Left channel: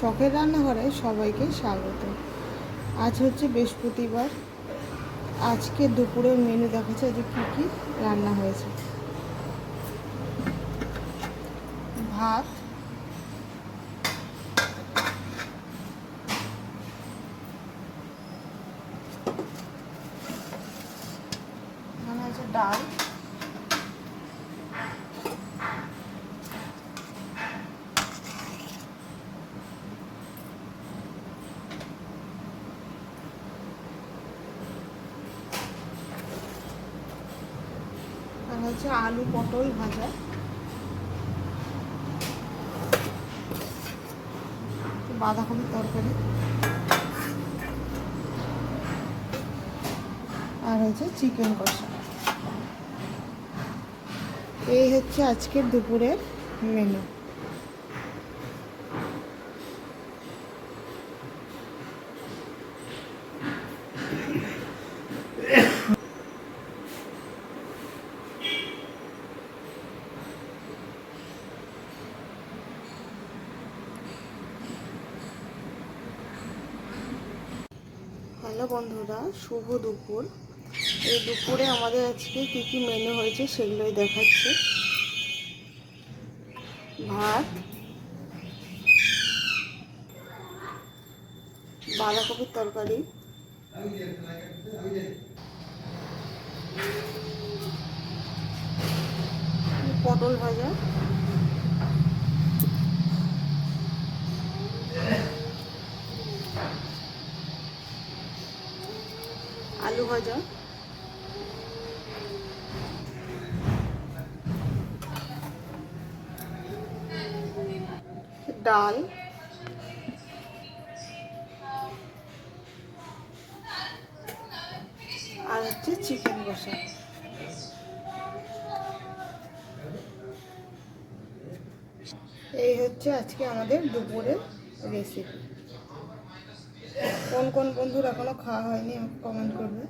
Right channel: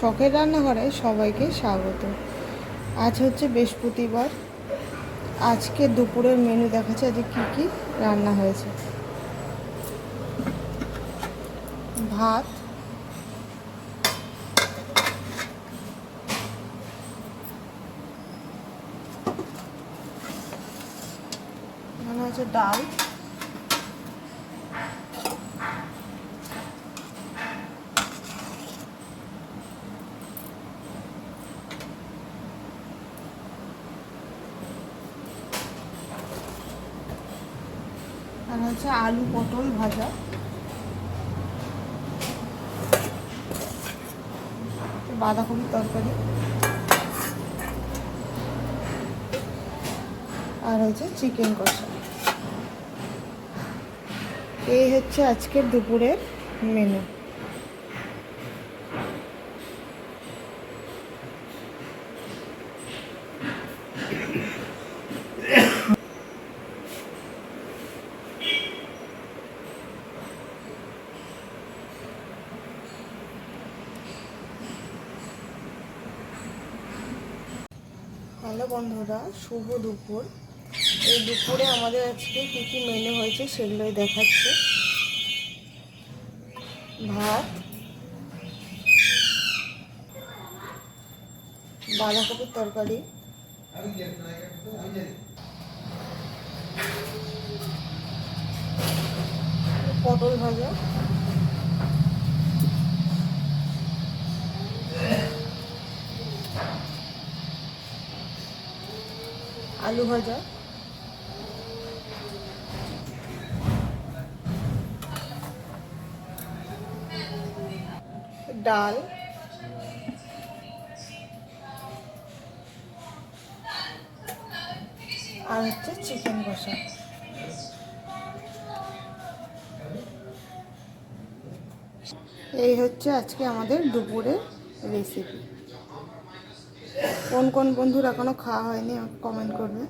শখের রান্নাঘরে সবাইকে স্বাগত। আজ হচ্ছে বৃহস্পতিবার। আজকে দুপুরের মেনু দেখাচ্ছে আজকে কী কী রান্না হয়েছে। ভাত, এখানে আছে ডাল, আর হচ্ছে আলু পটল ভাজা, বাঁধাকপির তরকারি, আর হচ্ছে চিকেন কষা। এই হচ্ছে আজকের দুপুরের মেনু। হ্যালো বন্ধুরা, শুভ দুপুর। এই দুপুরে আমাদের আজকে কী কী মেনু হয়েছে সেগুলোই দেখাচ্ছে। ভাত, বাঁধাকপির তরকারি, পটল ভাজা, আলু ভাজা, ডাল, আর হচ্ছে চিকেন কষা। এই হচ্ছে আজকে আমাদের দুপুরের রেসিপি। কোন কোন বন্ধুর এখনো খাওয়া হয়নি আমাকে কমেন্ট করবে।